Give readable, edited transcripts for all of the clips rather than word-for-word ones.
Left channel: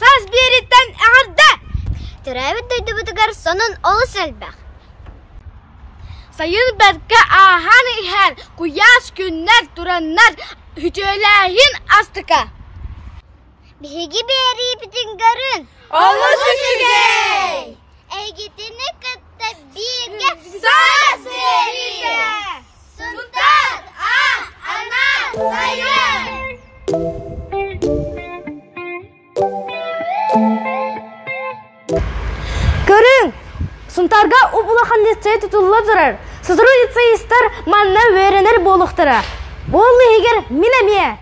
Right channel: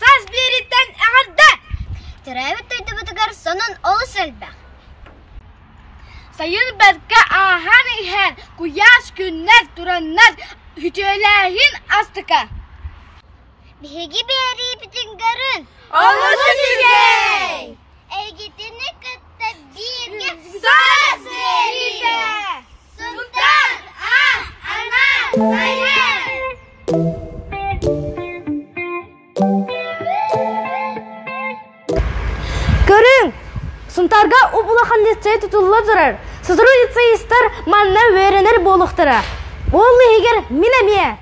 Saz biritten ağırda. Teravet duydu butugar sonun olu selbek. Sayın berke ahan iher kuyas günler duranlar hücelehin astıka. Bihigi beri bütün görün. Olası şimdi. Egitini kıtta birge saz birge. Sultan ah ana sayın. Görün, Suntarga ubulakan лицей tutulula durar. Sıdırı лицей ister manna öğrenir boluktara. Bollu eger minemiye.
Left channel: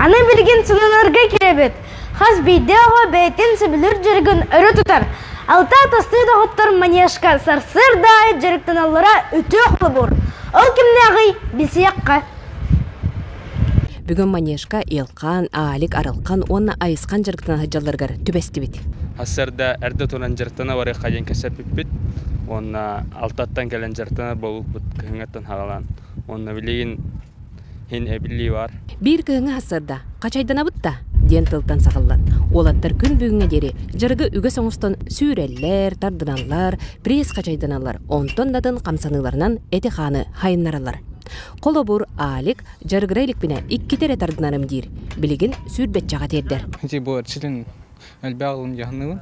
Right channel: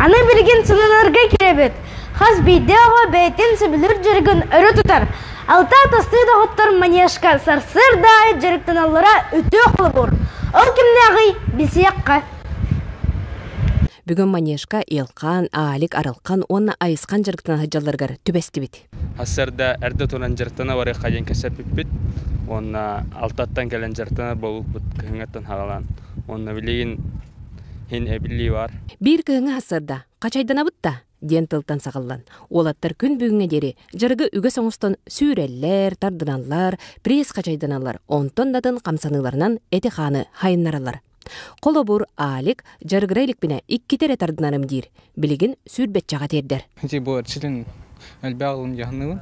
Ana bilgin sınanarga kirebet. Haz bideo beytin sibilir jirgin örü tutar. Alta tasıyda hottar manyaşka sarsır dahi jirgtin allara ütü okulu bur. Ol kimnağıy bisiyakka. Бүгін манежка елқан, аалик арылқан, онна айысқан жырықтан хыджаларгар түбесті бит. Хассарда әрді тонан жырықтана вары қайын кәсәп бит, онна алтаттан кәлін жырықтана болуқ бұд күйіңеттен хағалан. Онна білейін хен әбілі бар. Бір күйіңі хассарда, қачайдана бұтта, ден тылтан сағылан. Олаттар күн бүгінге дері жырғы үгі соңыстан сүйрелер, тардыналар, пресс қачайданалар, онтон дадын қамсаныларынан әті қаны хайыннаралар. Қолобур аалик жаргырайлик бине икки тере тардынарым дир. Билигин сүрбет жаға тердер. Бұл чилин әлбәғылым яғынығын.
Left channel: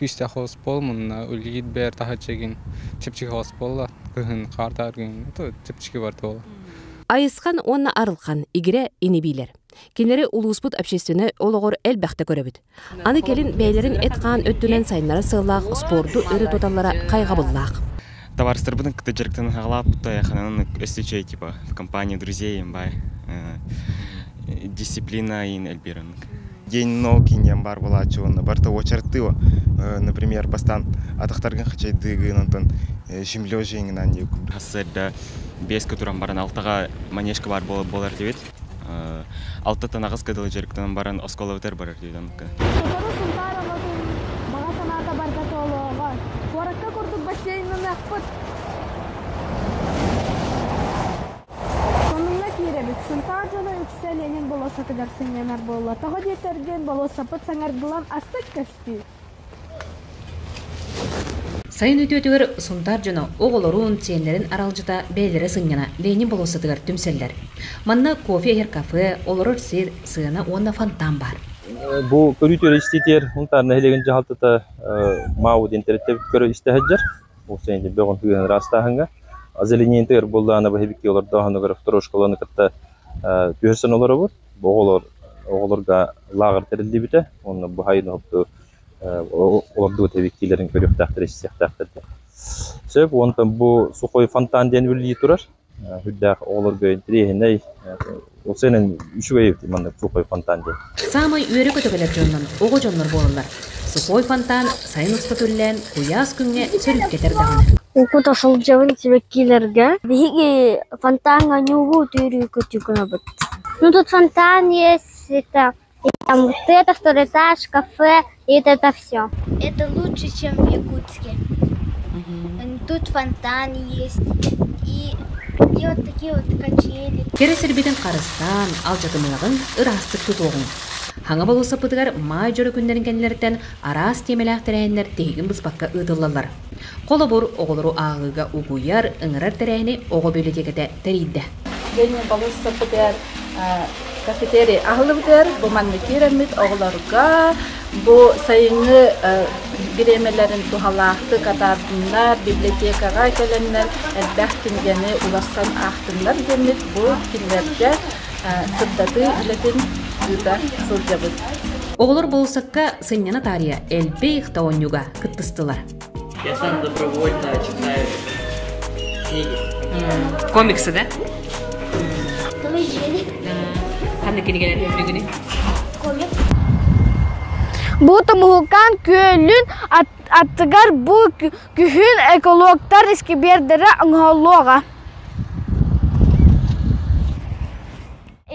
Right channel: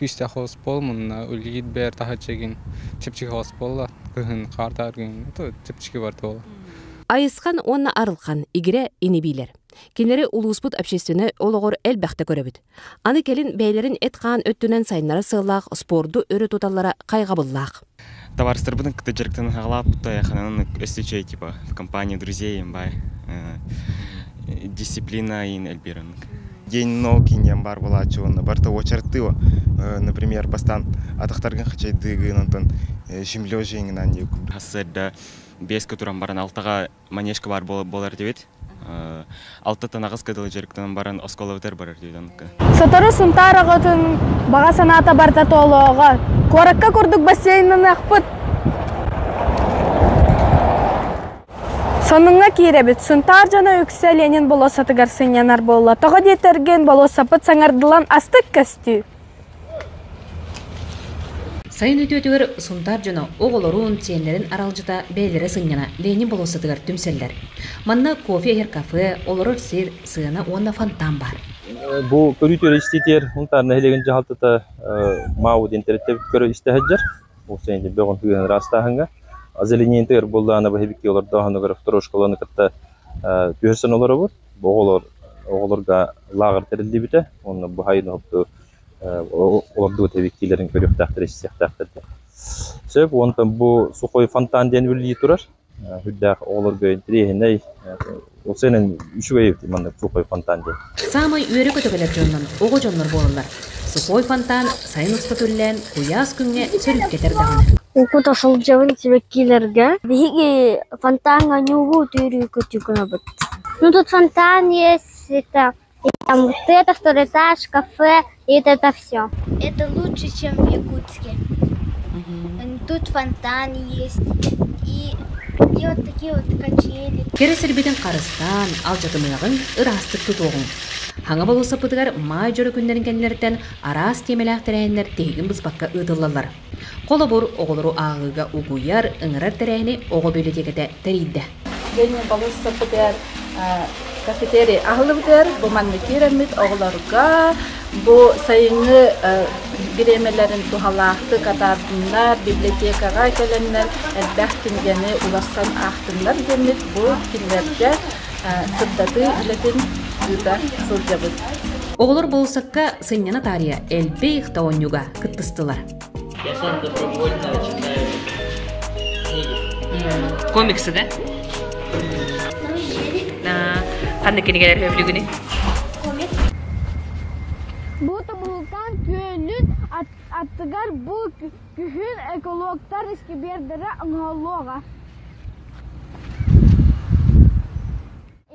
Күсті қос болмын, үлгейд бәр таға чегін чепчігі қос болла. Күхін қартаргын, чепчігі бар тола. Айысқан онна арылқан игіре инебилер. Кенері улуспут общественне олығыр әлбәқті көребіт. Аны келін бәйлерін этқан өттінен сайынлары сылақ, спорду өрі тоталлара қайғабыллақ. Товарищ Рыбыдын, кто директор Хаглап, то я ханан встречаю типа в компании друзей, дисциплина и Эльбиран. День науки не бар была чего, барта очертила, например, постан атахтарган хачай дыгын антон шимлёжин на них. Хасседа без которым баран алтага манежка бар болар девет. Алтата нагыз кадыл жерктен баран осколовтер бар деден. Сатары сунтарагатын бага саната барта толога. Коракка курдук бассейнын акпыт. Сонунга киребит сунтар жана үксө Ленин болосатыгар сынянар болла. Тога детерген болосапыт саңардылан астык касту. Сайын өтөтігір сунтар жана оғылырун тиенлерин аралжыта бәйлері сынняна Ленин болосатыгар түмселлер. Манна кофе ер кафе, олырыр сир, сыгана онна фонтан бар. Бу көрүтөр истетер, унтарны хелеген жалтыта мауд интернетте көрө истехеджер. Бу сенде бөгөн түген растаханга. Азелинен тер болданы бехбики олар даханы көрөп трошкаланы кытта көрсөн олар бар. Бу оголорга лагыр терилди бите. Онны бу хайны хопту оларды тебеккилерин көрөп тактырыш сыяктактырды. Сөп онтан бу сухой фонтан ден билги турар. Хүддәк оголорга интерехиней ол сенен үшүгөй мында сухой фонтан ден. Самай үйрө көтөгөлөр жоннан ого жоннор болалар. Сухой фонтан сайын устатуллен куяс күнгө сөрүп кетер дагы. Укута шол жабын себеккилерге биги фонтанга нюгу түйрүү көтүкүнө бут. Ну тут фонтан есть, это там вот это, второй этаж, кафе, и это все. Это лучше, чем в Якутске. Тут фонтан есть, и вот такие вот качели. Кересер битен карыстан, алжатымыгын ырастык тутугун. Хаңа болуса пытыгар май жөрө күндерин кенлерден арас темелак терәйнер тегин бызбакка ытыллалар. Колобур оголору агыга угуяр ыңырар терәйни ого библиотекада терийде. Ленин болуса пытыгар кафетерия ахлыбытыр, бу манны керемит оголорга, бу сайыны биремелерин тухалаакты катардынар, библиотекага келеннер, элбэх кингени уластан ахтындар демит, бу кинлерге сыддаты илетин үта сылжабыт. Оголор болусакка сынняна тария элбейх таонюга кыттыстылар. Я сам добровольно читаю книги. Комиксы, да? Қанды кенегелер өбілігіне? Бу томухукан көлүн аттыгар бу күхүн экологтар искибердері аңғалуға.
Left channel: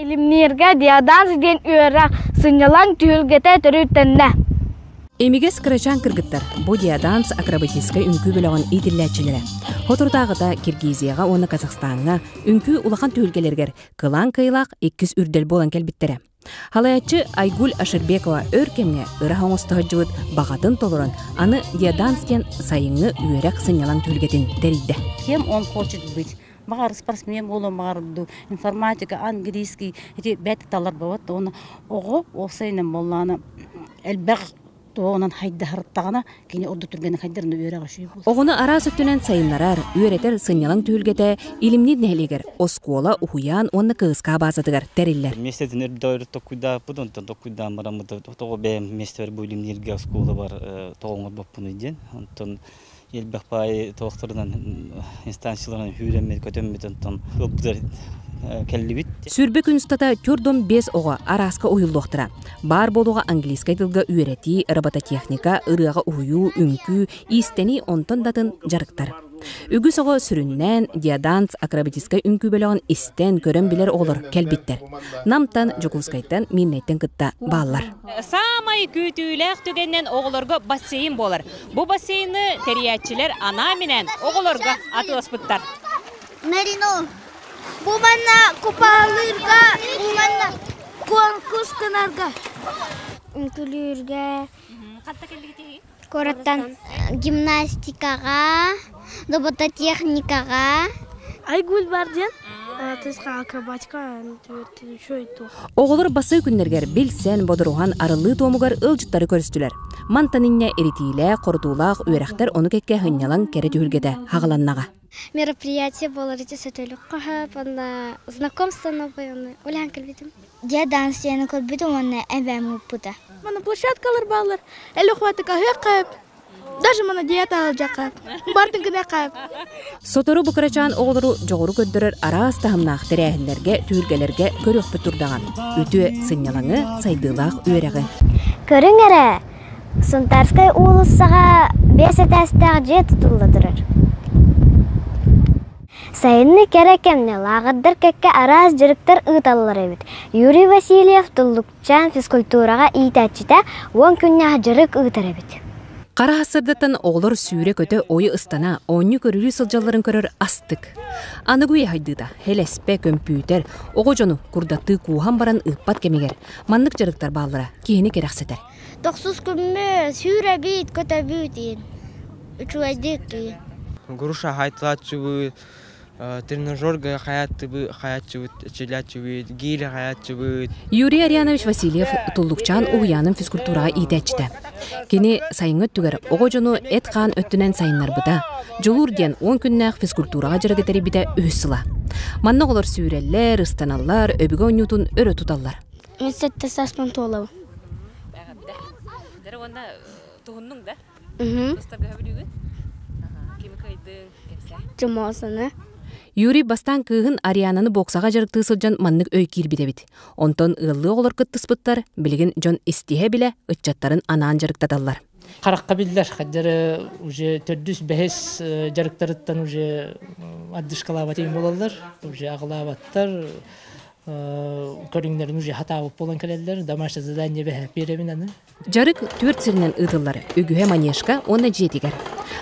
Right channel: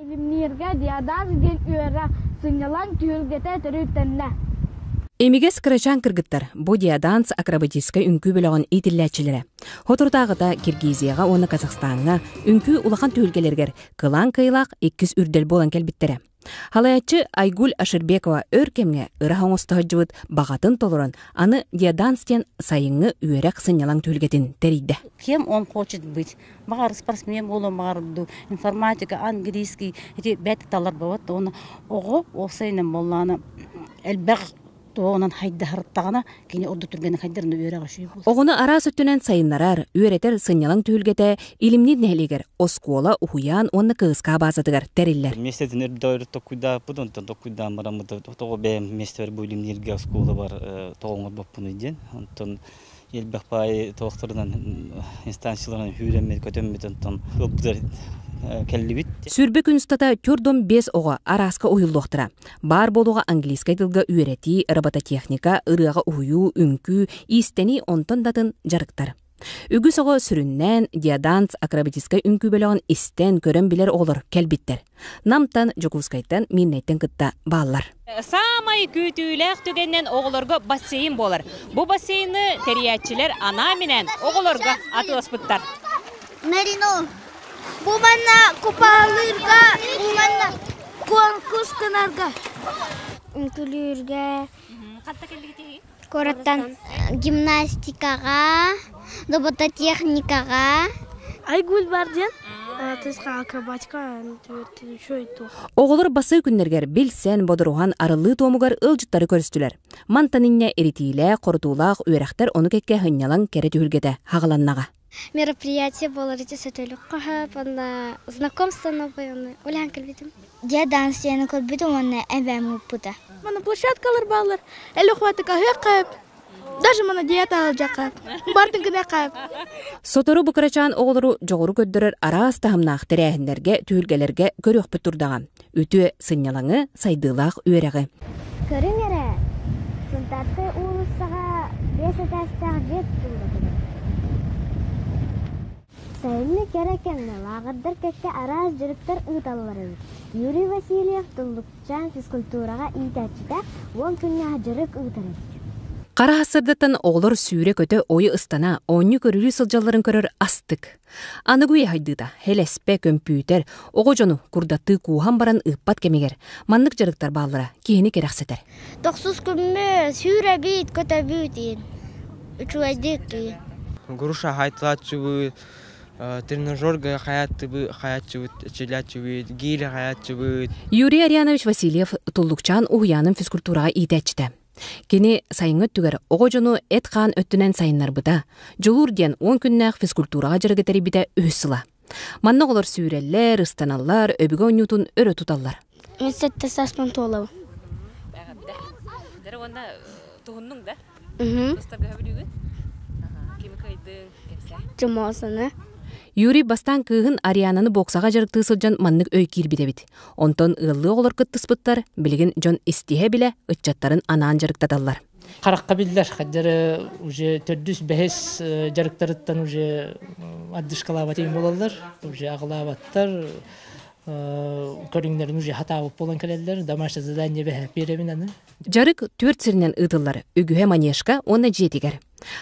Илимнерге диадан сиден үйерак сынялан түйілгете түрүттенде. Эмигес кырачан кыргыттар бу диаданс акробатическа үнкү бөлөгөн итиллячилери. Хотурдагыда Киргизияга, оны Казахстанга үнкү улахан түйілгелергер кылан кыйлак 2 үрдел болан келбиттери. Халаячы Айгуль Аширбекова өркемне ыра хоңостохожубут багатын толуран аны диаданстен сайыңы үйерак сынялан түйілгетін дерейді. Кем он хочет быть? Багар спортсмен болу, багар информатика, английский, эти бәті талар бават, оны оғы олсайнын болланы әлбәқ тоғынан хайда харыттағына кені орды түргені хайдарын үйері ғашы болды. Оғыны ара сөттінен сайынларар, үйеретер сынялан түйілгеті илимнид нәлегер оскола ухуян онны кығысқа базадығар тәреллер. Местетін өрді ойры тоқуйда, бұдын тоқуйдан барамыды, тоғы бәйім местер бұл илимнерге оскола бар тоғыңыр боп бұны ден. Онтын елбәқ бай тоқтырынан инстанцияларынан үйренмеді, көтенмеді, онтын көптер кәллибит. Сүрбе күністата түрдом 5 оға араска уйылдоқтыра. Бар болуға английскай тылға үйрети, робототехника, ырыға уйу, үнкү, истени онтон датын жарықтар. Үгіс оға сүріннен, диаданс, акробатическай үнкү бөліғын истен көрін білер олар кәлбиттер. Намтан, жокускайтан, миннайттен кытта баллар. Самай күтүйләк түгеннен оғылырға бассейн болар. Бұ бассейні терiyatçiler ана менен оғылырға аты оспыттар. Нарино, bu manna kupalırga, bu manna konkus kınarga. Ünkülürge. Koratan gimnastikaga, robototexnikaga. Айгул барден, тысқа акробатика, шөйті. Оғылыр басы күннергер білсен бодыруған арылы томугар ылжыттары көрістілер. Мантанинне эритиле, қордулақ, үйрәқтер оны кекке хынялан кәрі түйілгеді хағаланнаға. Мероприятие было речь сетелек кахап, на знакомство новое, улян кальбитим. Диаданс я на кальбитим, он эбэм упута. Мана площадкалар баллар, эле хваты кахап, даже мана диета алжакап, бартын кіне кап. Сотору бұқырачан оғылыру жоғыру көддірір араас тахымнақ тірәхіндерге, түйілгелерге көріқпі тұрдаған. Өтіе сынялаңы сайдылақ үйерегі. Көрің әрі, Сунтарскай улысыға бесетәстәғ же тұтылдырыр. Сайынны керекемне лағыдыр кәкке араз жүріктер ұталылар әбіт. Юрий Васильев тұллықчан физкультураға ийтәтчіті 10 күнне жүрік ұтар әбіт. Қара асырдытын оғылыр сүйре көті ойы ыстана, оңы көрірі сылжаларын көрір астық. Анығуе хайдыда, хелеспе компьютер, оғы жону күрдатты куған баран ұппат кемегер. Маннық жүріктер бағылыра, кейіні керақсетер. 9 күнме сүйре бейт көті бүйт ең. Груша хайтылатчы бұд, тренажерға хаятчы бұд, челячы бұд, гейлі хаятчы бұд. Юрий Арианович Васильев тұллықчан ұғыяның физкультураға ийтәчті. Кені сайыңы түгер оғы жону әт қан өттінен сайынлар бұда. Жолур ден 10 күннәқ физкультураға жүргетері біде өссіла. Манны олар сүйрелер, ыстаналар, өбігі ойнютын өрі тұталар. Институтта саспан толау. Юрий бастан кыгын Ариананы боксаға жарықты сылжан маннык өй кирбидебит. Онтон ыллы олар кыттыспыттар, билген жон истихе биле ытчаттарын анаан жарыктадаллар. Қараққа білдер, қаддары уже төрдүс бәхес жарықтарыттан уже аддышқалабатейін болалар, уже ағылабаттар, көріңдерін уже хатабып болан кәлелер, дамашты задание бәхе беремін аны. Жарык төрт сиринен ыдыллары, үгühe манешка оны жетигер.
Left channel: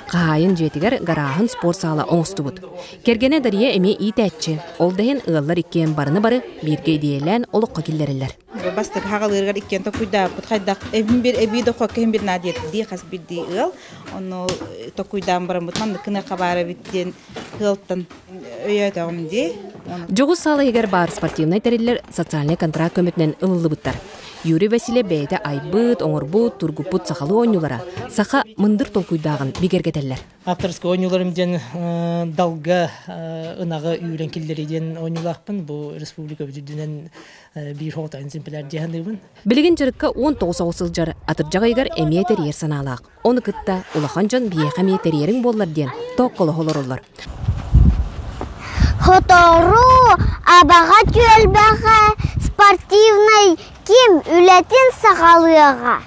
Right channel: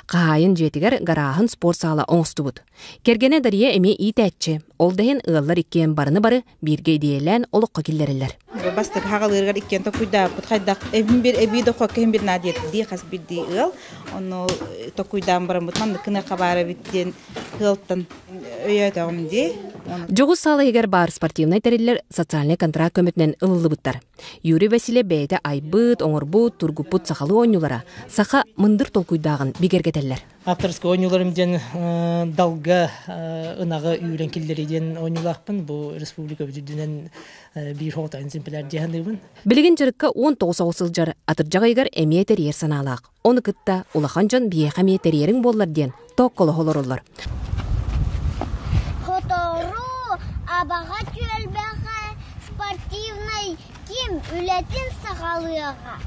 Қайын жетигер гарахын спорт сала оңысты бұд. Кергене дария эме ийтәтчі. Ол дәйін ығылар иккен барыны бары бірге дейелән олыққа келдерілер. Бастық хағалырғар иккен токуйда бұтқайдақ әбейді қоқын бір надет дей қас бірдей ыл. Оны токуйдан барым бұтманды кіні қабары біттен ғылттан өйет оғымде. Жоғыз салы егер бар спортивный тәрелер социальный контракт көмітінен ылылы бұттар. Юрий Василий бәйді айбыт, оңырбыт, тургупут сақалы ойнулара. Сақа мындыр толкуйдағын бігергетелер. Авторский ойнуларымден далға ұнағы үйрен келдереден ойнулақпын. Бұл республика бүдідінен бір хоғытайын симпелер дегендігін. Білген жырыққа 19 ауысыл жар атыржаға егер әмие тәрер саналақ. Оны күтті улахан жан бейеқ әмие тәрерің болар ден тоққылы холыр олар. Хотору абаға түйелбәға спортивный кем үләтін сағалыға.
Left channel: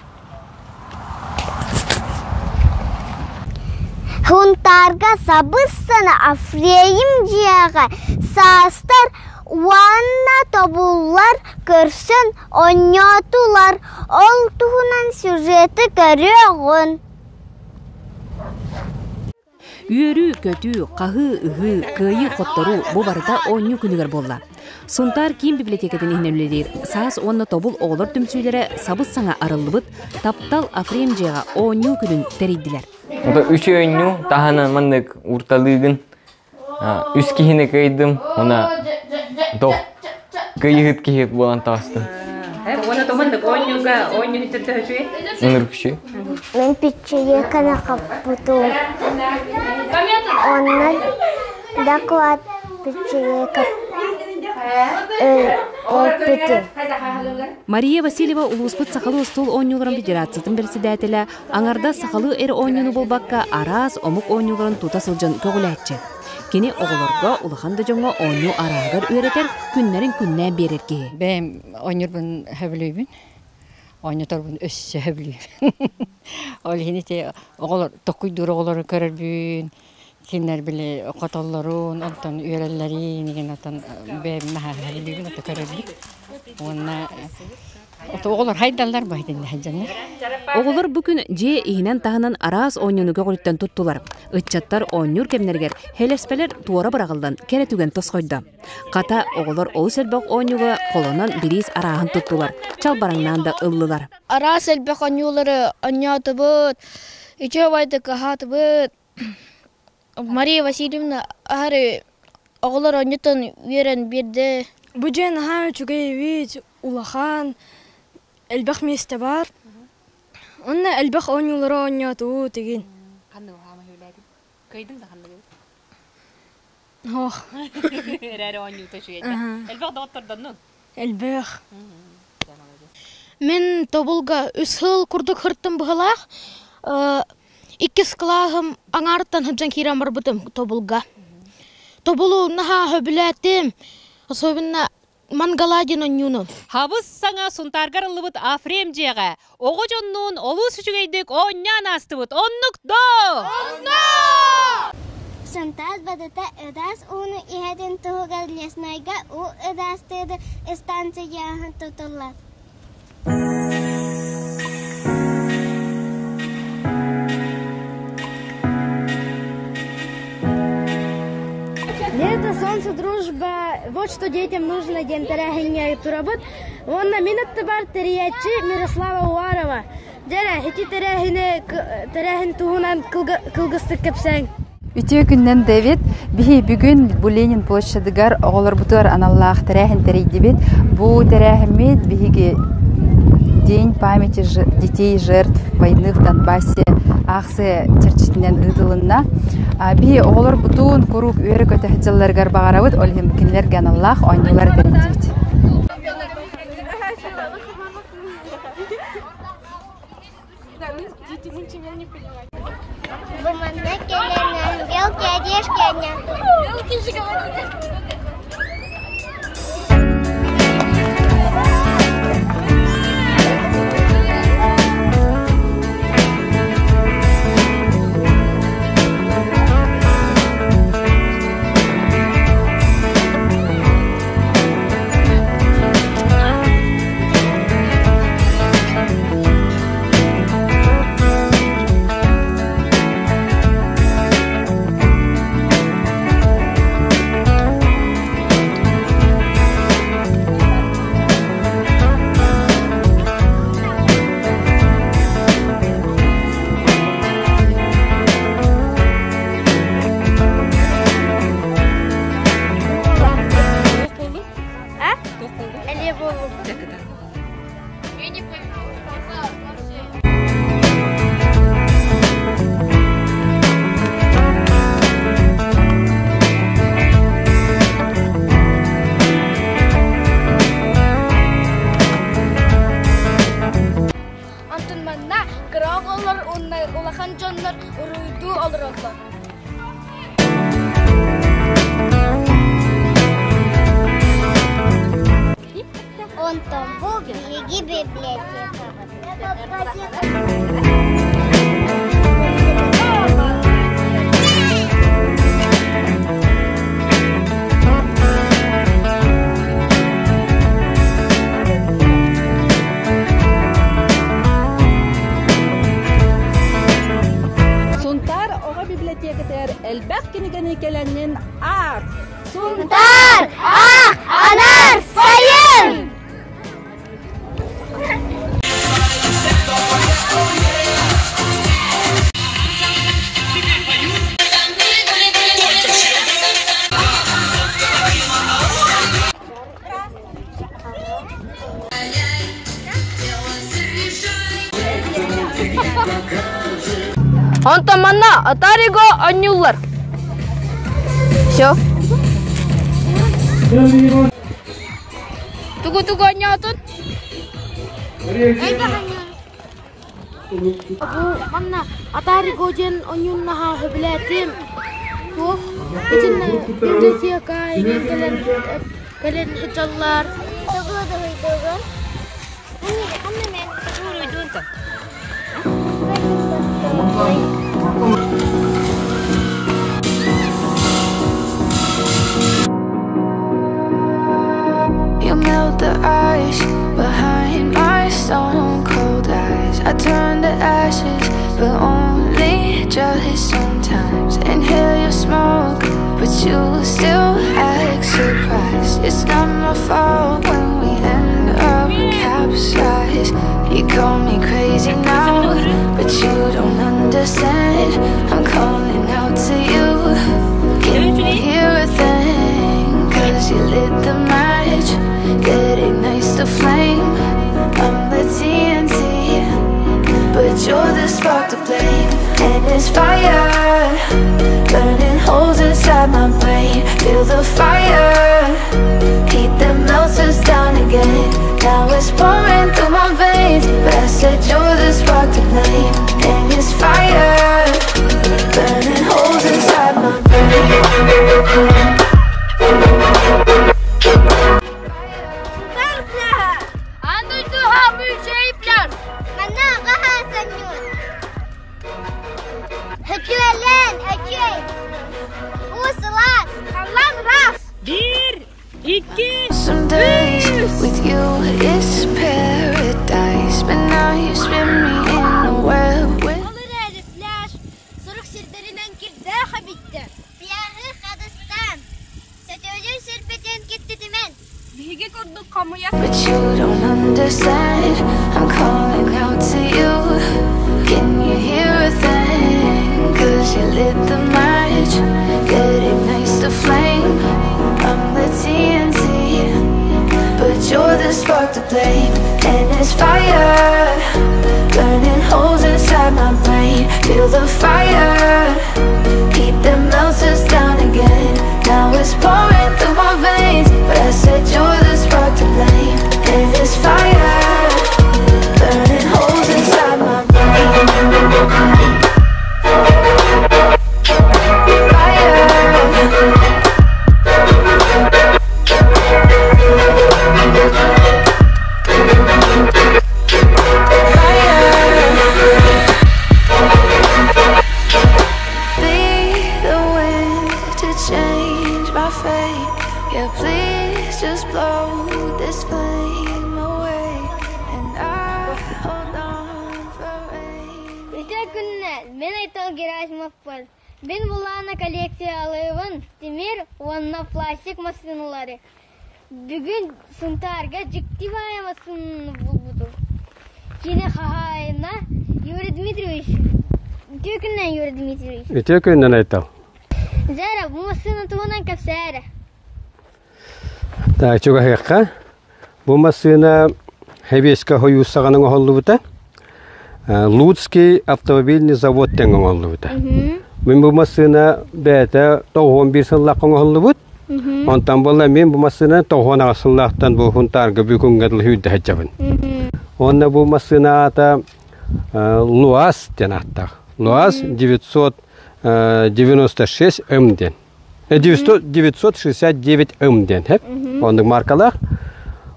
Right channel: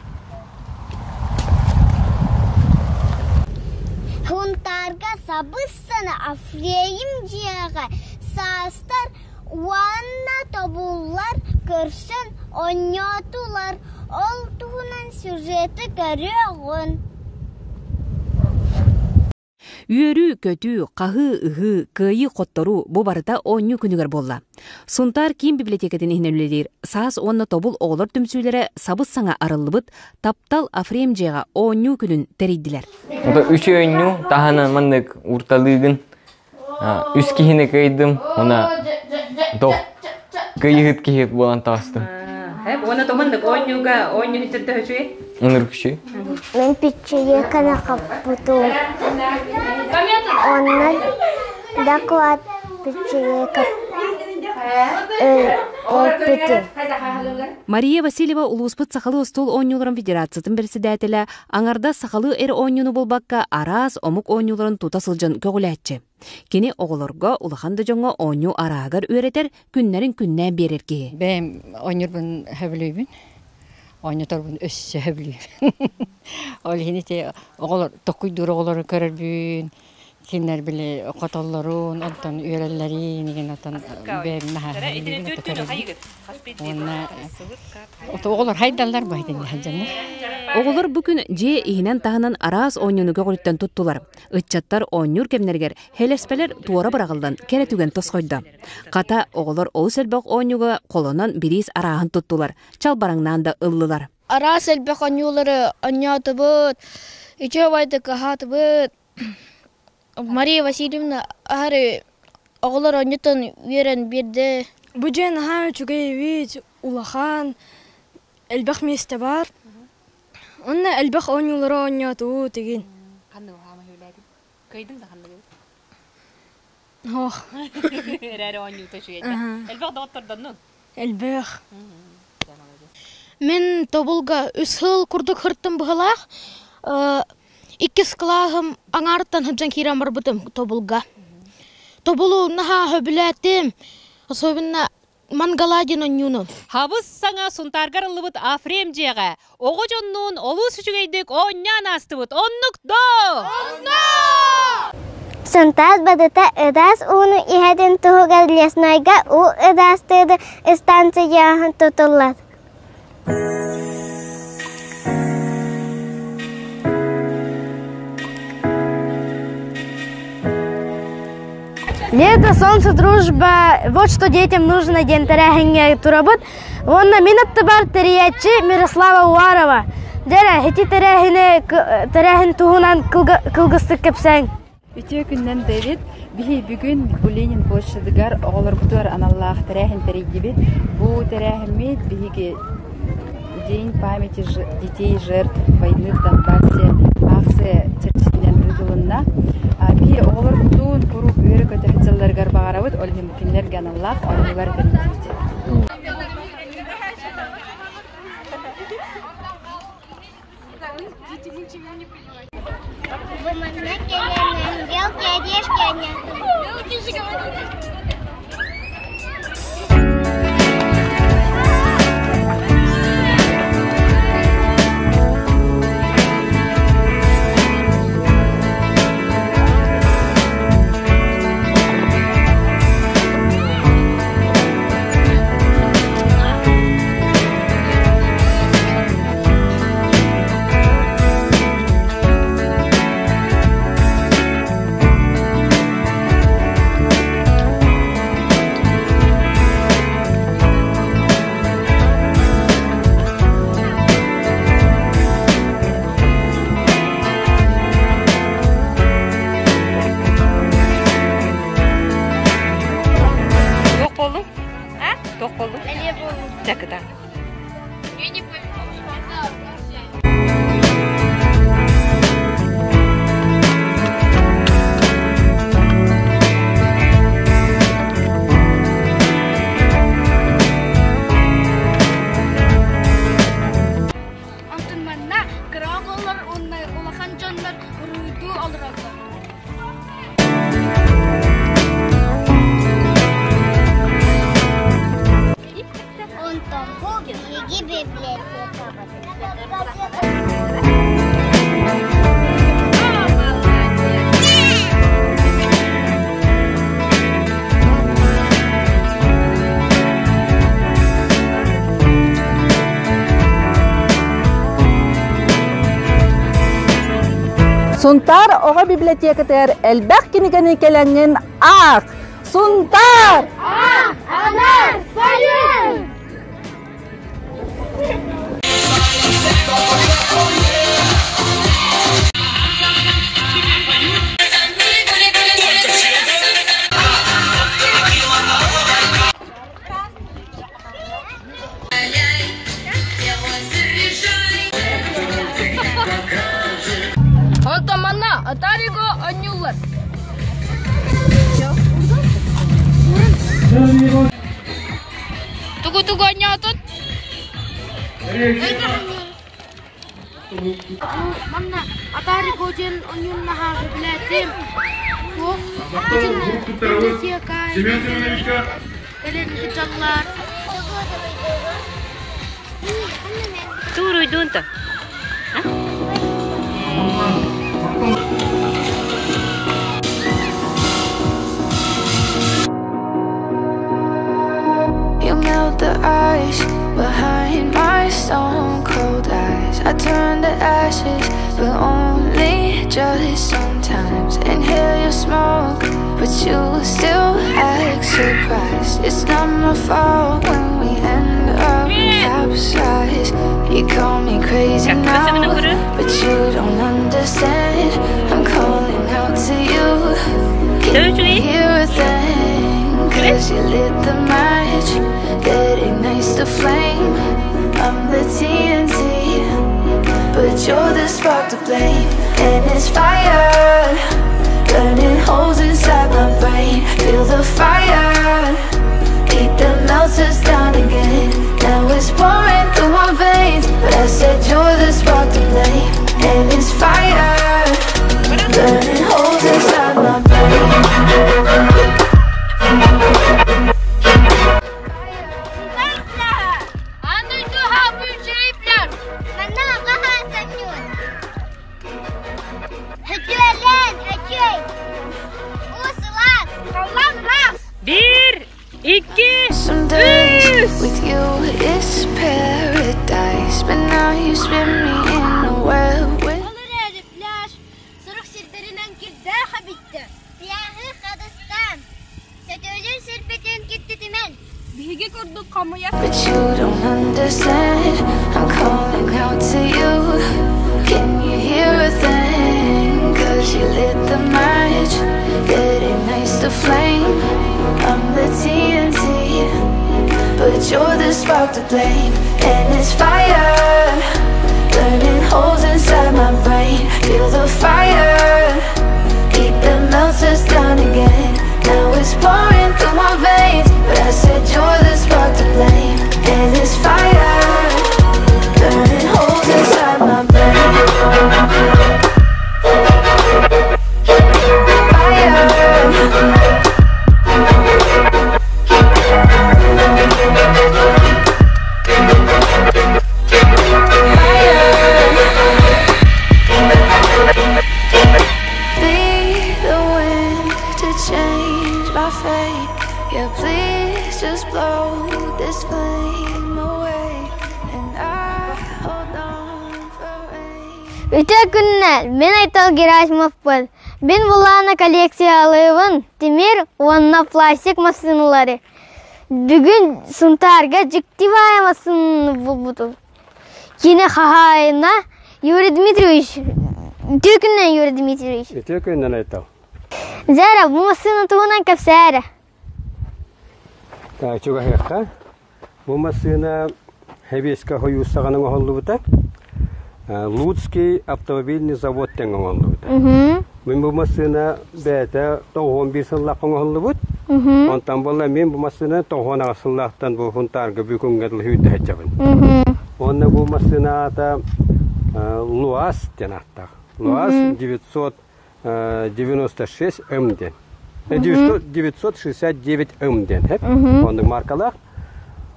Хунтарга сабыссана афреим жияға састар уанна тобулар көрсін оньотулар. Ол туғынан сюжеті көріғын. Үйөрү, көтү, қағы, ұғы, күйі қоттору бұ барыта оңю күнігер болла. Сонтар Ким библиотекатын ихнелелер саас онна тобул оғылар түмсүйлері сабыз саңа арылыбыт таптал афрем жеға оңю күнін терейділер. Үш оңю тахана мандык урталыгын үс кихіне көйдім, она күйігіт кихет болан тастым. Оны томандык оңюға оңю хиттерді өшуе? Оныр күші. Мен пичеге кана қаппыту. Оннан доклад пичеге Мария Васильева улуспыт сақалы стол оңюларын федерациятын председателі аңарда сақалы эр оңюну болбаққа арас омук оңюларын тута сылжын көгіләтчі. Кені оғылырға улаханды жоңа оңю арағыр өретер күннерін күннен берерге. Бәм оңюрбын хөбілейбін, оңюторбын өссі хөбілейбін. Ол хенете оғылыр, тоқуйдыр оғылары көрірбін. Кинер биле котоллорун, онтон үйреллерин, еген отон бәм мәхәбілейбін, оты көрірбін. Онна оғылыр хайдалар байдың хәджанна. Оғылыр бүкін же ихинен тағынан арас оңюнуға ғолиттен туттулар. Үтчаттар оңюр кемнергер хелеспелер туара бырағылдан кәрәтүген тосқойды. Қата оғылыр ол сәлбәқ оңюға қолынан біріз арағын туттулар. Чалбараңнан да ыллылар. Арас сәлбәқ оңюлары оңяты бұд, үче байды қағаты бұд. Мария Васильевна ары оғылыр оңютын үйерен берді. Бұджен ағам чүгей вид, улахан, әлбәқ месте бар. Онна әлбәқ оңюлары оңяты бұд деген. Қанды оғама хөләді? Көйдің да қанды көйді? Оқ. Әрәрі оңюты шүйеді. Әлбәқ дауыттырдан нұн? Әлбәқ. Мен тобылға үс хыл күрдік хырттым бұғылақ. Иккис қылағым аңарттан хыджан кирам бар бұтым тобылға. Тобылу наға хөбіләтім. Особенно мангаладин оңюну. Хабыз саңа сунтаргар ылыбыт афрем жеға. Оғы жоннуын олу сүчігейдік оңнян астыбыт. Оннук до! Онна! Сунтар бадыта ыдас уну ихеден туғығар леснайга у ыдастыды станцияғын тұтылар. Лето, солнце, дружба, вот что детям нужно день терехинге турабыт. Вон на минутты бар терячи Мирослава Уарова. Дера, хити терехин туғынан кылгысты кепсәң. Үтө күннен Дэвид, бихи бүгін Буленин площадыгар оғылар бұтыр аналлах терехин терейдебет. Бу терехимет бихиге День памяти детей жертв войны в Донбассе Ахсы черчитинен ыдылынна. Би оғылар бұтын күрук өрі көті хыджаларгар бағарауыд олхем кенлерге аналлах ойнулар беріндебет. Сунтар оға библиотекатер әлбәқ кенігені келәннен ақ. Сунтар, ақ, анар, сайын! Антаманна атариго анюллар. Все. Тугу-тугу анятын. Манна атариго ден анюннаха хөбләтим. Ох, кален хиджаллар. Туруйдунта. You melt the ice behind my stone cold eyes. I turn to ashes, but only just sometimes. Inhale your smoke, but you still act surprised. It's not my fault when we end up capsized. You call me crazy now, but you don't understand. I'm calling out to you. Can you hear a thing? Cause you lit the match that ignites the flame. I'm the TNT, but you're the spark to blame. And it's fire, burning holes inside my brain. Feel the fire, heat that melts us down again. Now it's pouring through my veins, but I said you're the spark to blame. And it's fire, burning holes inside my brain. Some days with you is paradise, but now you spin me in a web with. But you don't understand. I'm calling out to you. Can you hear a thing? Cause you lit the match that ignites the flame. I'm the TNT, but you're the spark to blame. And it's fire, burning holes inside my brain. Feel the fire, heat that melts us down again. Now it's pouring through my veins, but I said you're the spark to blame. And it's fire, burning holes inside my brain. Yeah, please just blow this flame away, and I hold on for rain. Үтө күннәр, мен Айтал Герасимов был. Мен буланы коллекциялыйбын, темир, онна пластик машиналары. Бүгін Сунтарга жиктивая машина булбуду. Кені хахайна Юрий Дмитриевич. Үтө күннән Юрий Дмитриевич. Үтө күннән Айтал. Зара, bu машина тугунан капсара. Так, чуга хакка. Бу машина Хевеска хоюсаганын оголлубута. Луцкий автомобильный завод теңен оголлубута. Мен бу машина бәтә 91 сыллаккан оголлубут. Онтан болла мен бу машина 90 сыллактан бу Сунтарга бүгүнгө хүйтә хәҗәбен. Онда бу машина ата ЛуАЗ денаттак. ЛуАЗ 996 МДен. 969 МДен, хеп. Ондың маркалар.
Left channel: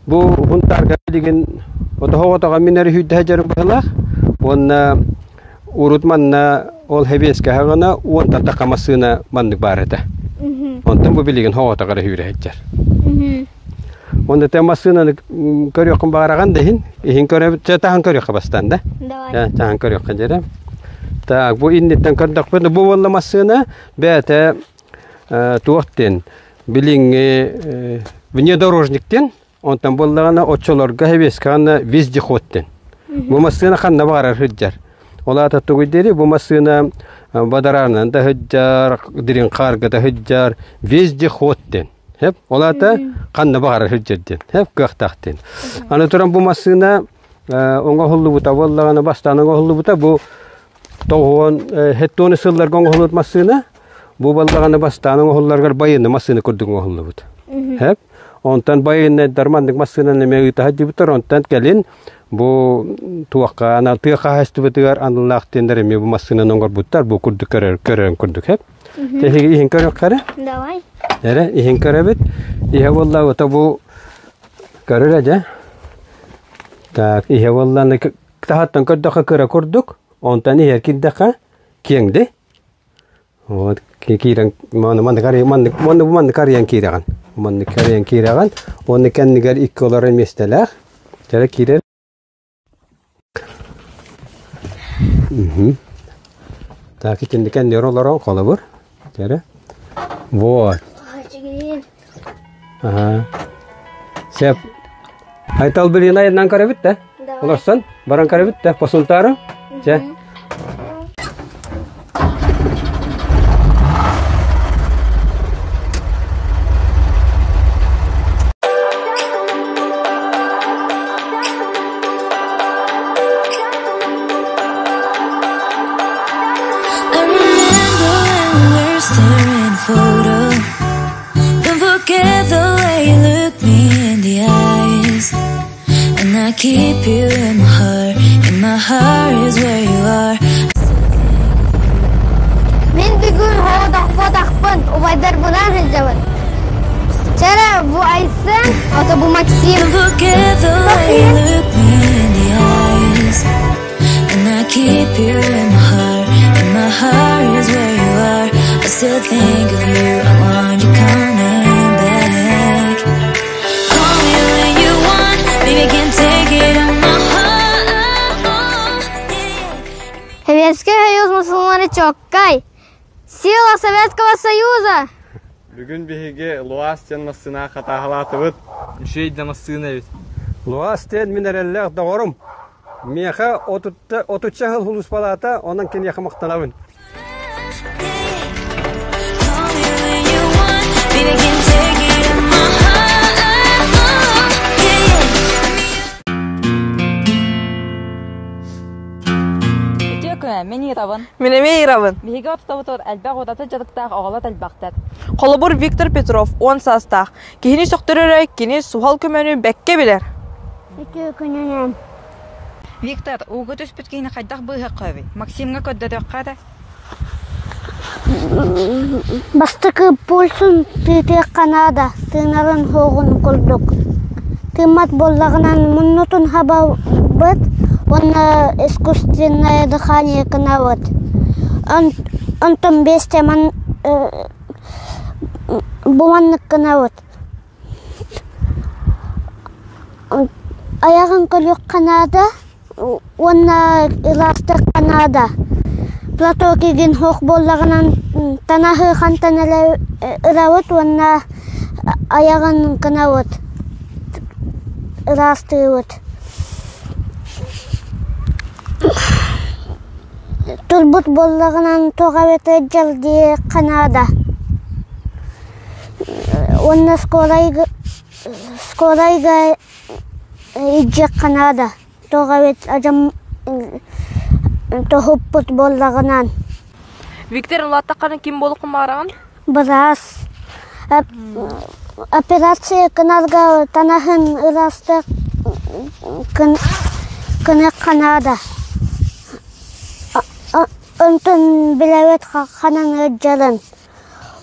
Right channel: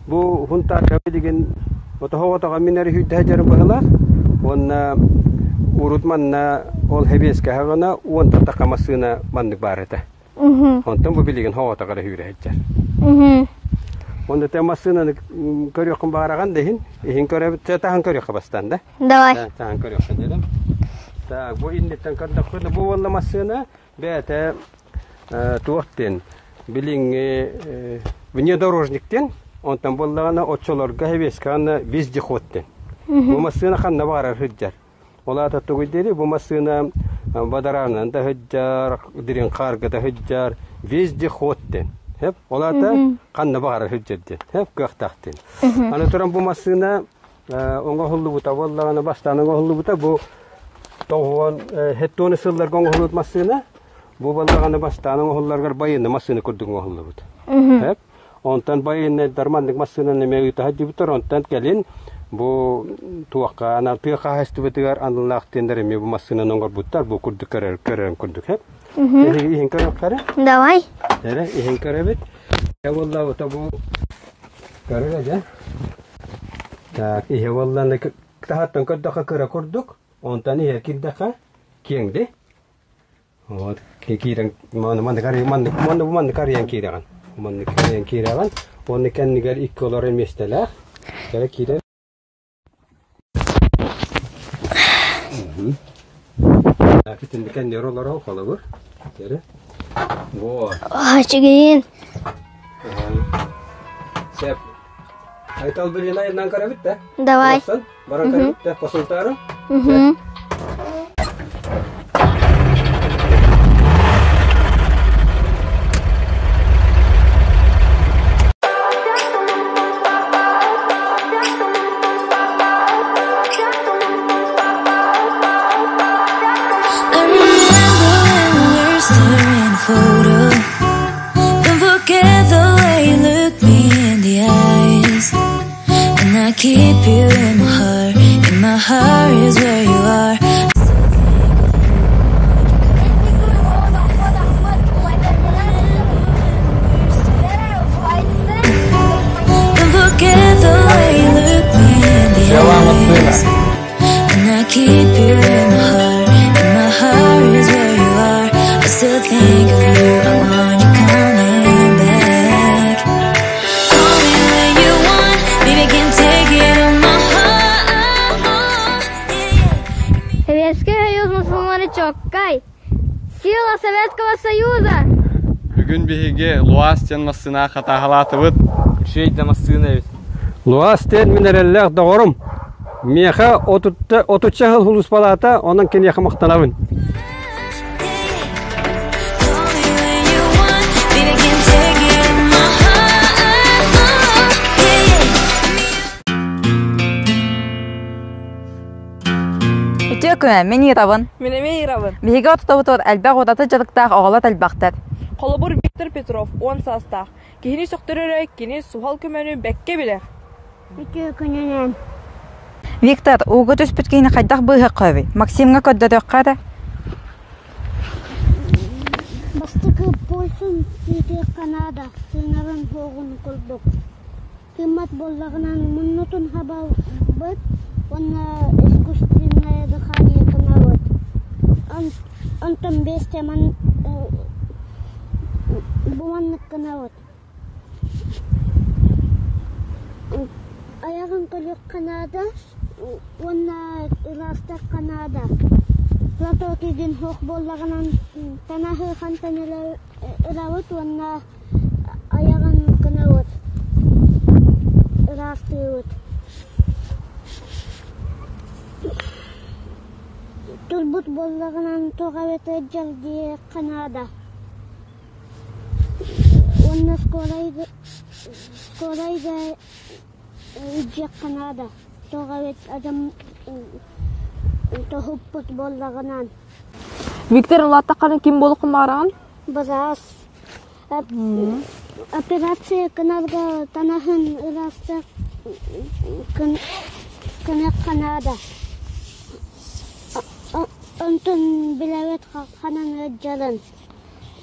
Бу Сунтарга деген отога минер хүйтә хәҗәр булалар. Онна урутманна ол Хевеска хагана онта такамасына мандык бар эте. Онтан бу билеген хаватага хүрә хәҗәр. Онда темасына көрөкөн бараган дейин. Ихин көрөп тәһән көрөк бастан да. Давай. Тәһән көрөк хәҗәр. Так, бу иннеттен көрдік бені, бу болла масына бәті туақтен, біліңе внедорожниктен, онтан боллағана отчолорға хевескағана вездеходтен. Бу масына қанна бағарар хүджар. Олата тугидери бу масына бадарарынан да хүджар, дирин қарғы да хүджар, вездеходтен. Hep olata kanna bağır hüccedin. Hep göktahtin. Ana turan bu masına onga hullu buta vallagana bastana onga hullu buta bu toğon hettoni sıllar onga hullu masına bu vallagana bastana onga hullargar bayını masını kurdun onga hullu buta. Hep ondan bayını darmandık masına nemeyi tahdi butar ondan gelin bu tuakka ana tuakka hastu butar anlaqtin deremi bu masına onga butar bu kurduk körön kurduk hep. Jadi ihin körök kare? Давай. Nere ihin köröbüt. İhe vallahi o tabu körür aja. Tak ihe vallahi ne tahattan kördaka köre kurduk. Ondan ihe kiddaka kiyengde. O kiran man kariyan kiragan. Man kariyan kiragan. Onu kendi gel iki olarak mesleler. Kere kirer. Tak kendi kendi oralara kalabur. Kere. Вот. Ачыгын. Ага. Сеп. Айтал билин айдан карабит да? Давай. Олсан, баран карабит да, посунтару. Же. Keep you in my heart is where you are. Men bir gün havada fotoğrafın, olaylar bulan izledim. Çare bu Aysen, hatta bu Maxim. Don't forget the way you look me in the eyes, and I keep you in my heart is where you are. I still think of you, I want you coming back. Call me when you want, baby, can take it on my heart. Советский Союз мусульманы чоккай. Сила Советского Союза. Бүгін беге Луастен масына қатағалатыбыт. Шейді масына бит. Луастен минераллах доғырым. Меха отутча хыл хулус палата, онан кен яқы мақталабын. Мен Иравын. Менеме Иравын. Биге ототор әлбәг отаты жадыктак оғалат әлбәктәк. Қолыбыр Виктор Петров 10 састақ. Кихини соқтырырай, кини сухал көмөнү бәкке билер. Ике күнінен. Виктор, уғы төс бүткейіні қайдақ бұйғы қөбі. Максимға көдді дөққады. Бастықы болсын түйте қанада, тыңарын хоғын құлдық. Тымат боллағынан мұннутын хаба бұд, оны искусственное дыхание канават. Антон бесте буманнык канават. Аяғын көлік канада, оны иластық канада. Плато кеген хоқ боллағынан танахы қантан ырауыт, оны аяғын канават. Иластығыт. Турбут боллағынан тоғаветі жалды Канада. Онна скорайға иджі Канада. Тоғавет ажам тоғыппыт боллағынан. Виктор Латтақаны ким болық маран? Біраз. Операция Канадға танахын ырасты кыны Канада. Онтон біләвет қанан өджалын.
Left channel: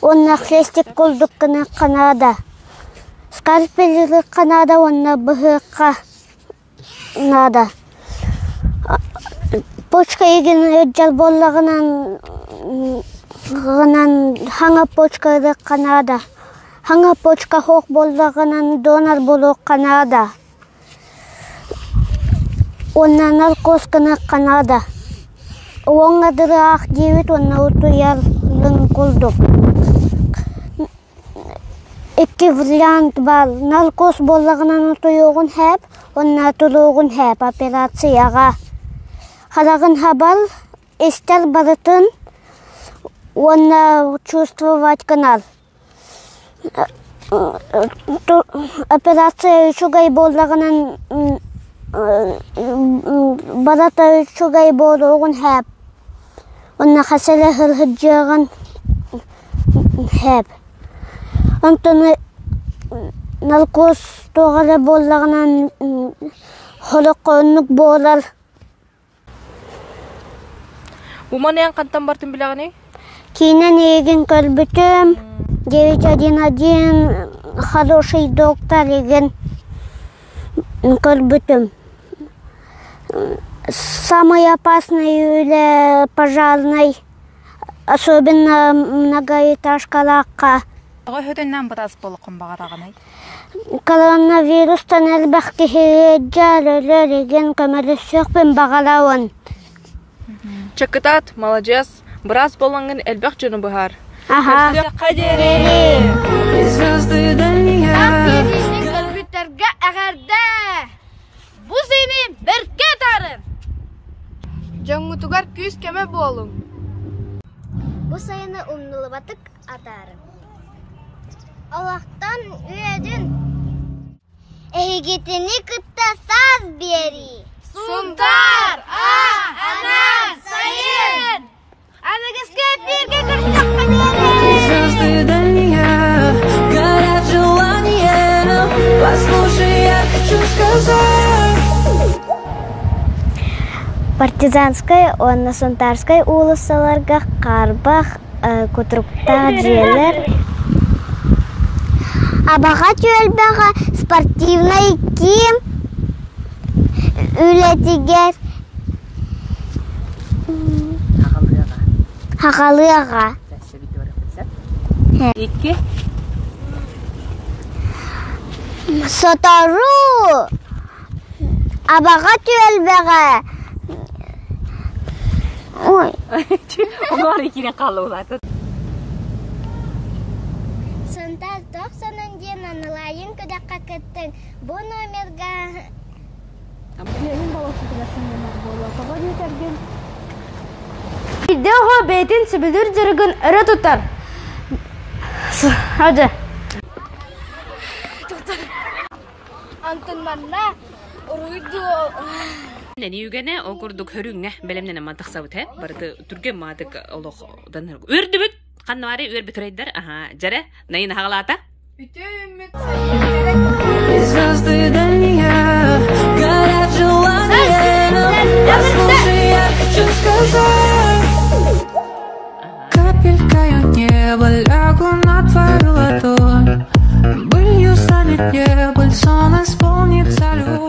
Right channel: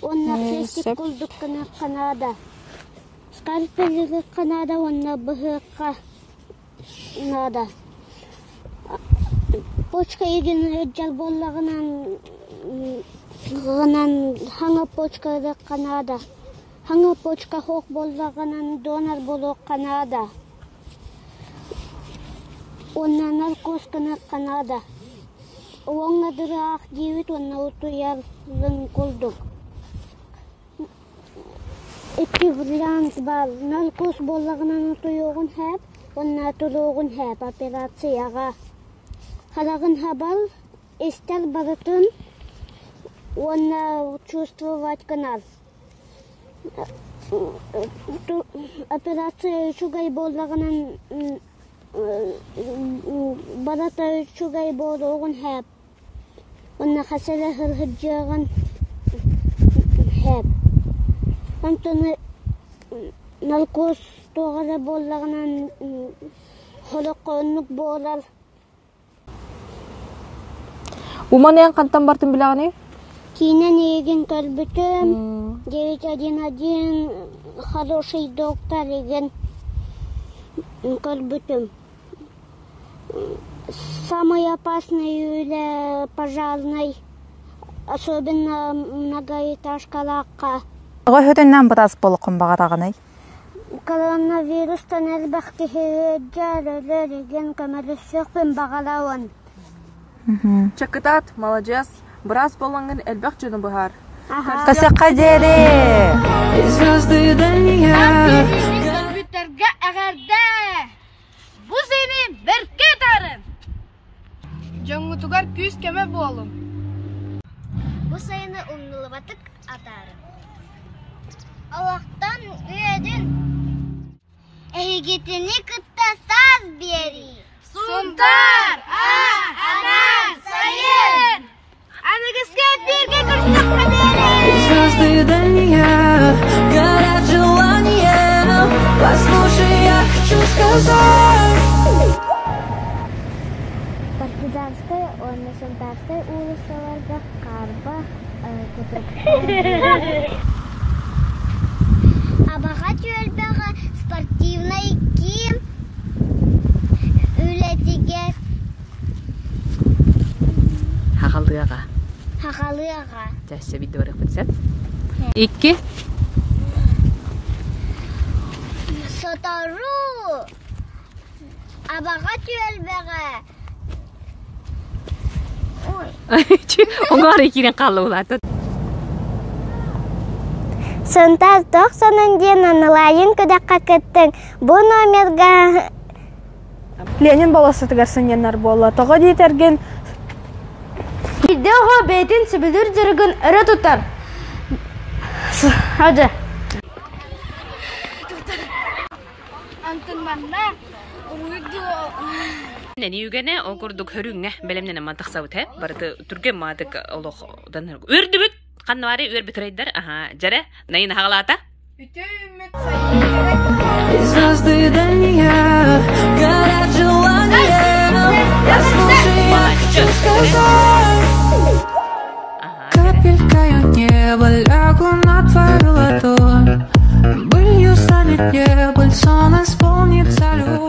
Онна хрестик қолдық кыны Канада. Скальпелері Канада, онна бұғы Канада. Почка еген өджал боллағынан хаңа почкары Канада. Хаңа почка хоқ боллағынан донор болу Канада. Онна наркоз кыны Канада. оңа дыраах дебит онна утуялын кулдук. Икки вариант бар. Наркоз боллагынан утуюгун хэп, онна тулугун хэп операцияга. Харагын хабал, истер барытын, онна чувствовать канал. Операция чугай боллагынан барата чугай болугун хэп. Онна хасале хырхыджаган хэп. Антоны наркоз тоғалы болағынан холоқонлық болар. Уманиян қантан бартын білағаны? Кейінен еген көрбітім. 911 хороший доктор еген көрбітім. Самый опасный или пожарный, особенно многоэтажкалаққа. Ғойхөтіннен бұтас болықын бағарағынай? Коронавирустан әлбәқ кехереджал өлереген көмірісіқпен бағалауын. Чакытат, молодец. Біраз болыңын әлбәқ жөні бұғар. Қасаққа дері! Звезды дальние. Компьютерге әғәрді! Бұ сені бірке тарым! Жаңғытуғар күз кеме болың. Бұ сені ұмнылы батық атарым. Allah'tan üyedin. Eğitini kıtta saz beri. Suntar, ana, sayın. Ana kıska bir Звезды дальние, горят желания. Послушай, я хочу сказать. Партизанской, онна Сунтарской улысаларга карбах кутруктар жерлер. Абаға тюэлбәға спортивный ким үлетігер. Хақалыға. Хақалыға. Жәсі бейді барық бітсет. 2. Сотору. Абаға тюэлбәға. Ой. Оңар екенен қалы олады. Сонтар 90-ден анылайын көдәққа кеттің. Бұл номерға... Ленин баласы тігерсіненер болы. Тоғы дейтерген... Видеоға бәйтін сөбілір жүргін үрі тұтар. Хады. Антын манна ұруйды... Нәні үгені оғырдық хүріңе бәлемнен амантық сауыт, барыды түрген мадық олықдан өрді бүт. Қаннуары өр бітірейдер, жәрі, найын хағалата? Звезды дальние, горят желания. Послушай, я хочу сказать. Капелькой неба лягу на твою ладонь. Былью станет небо, сон исполнится любовь.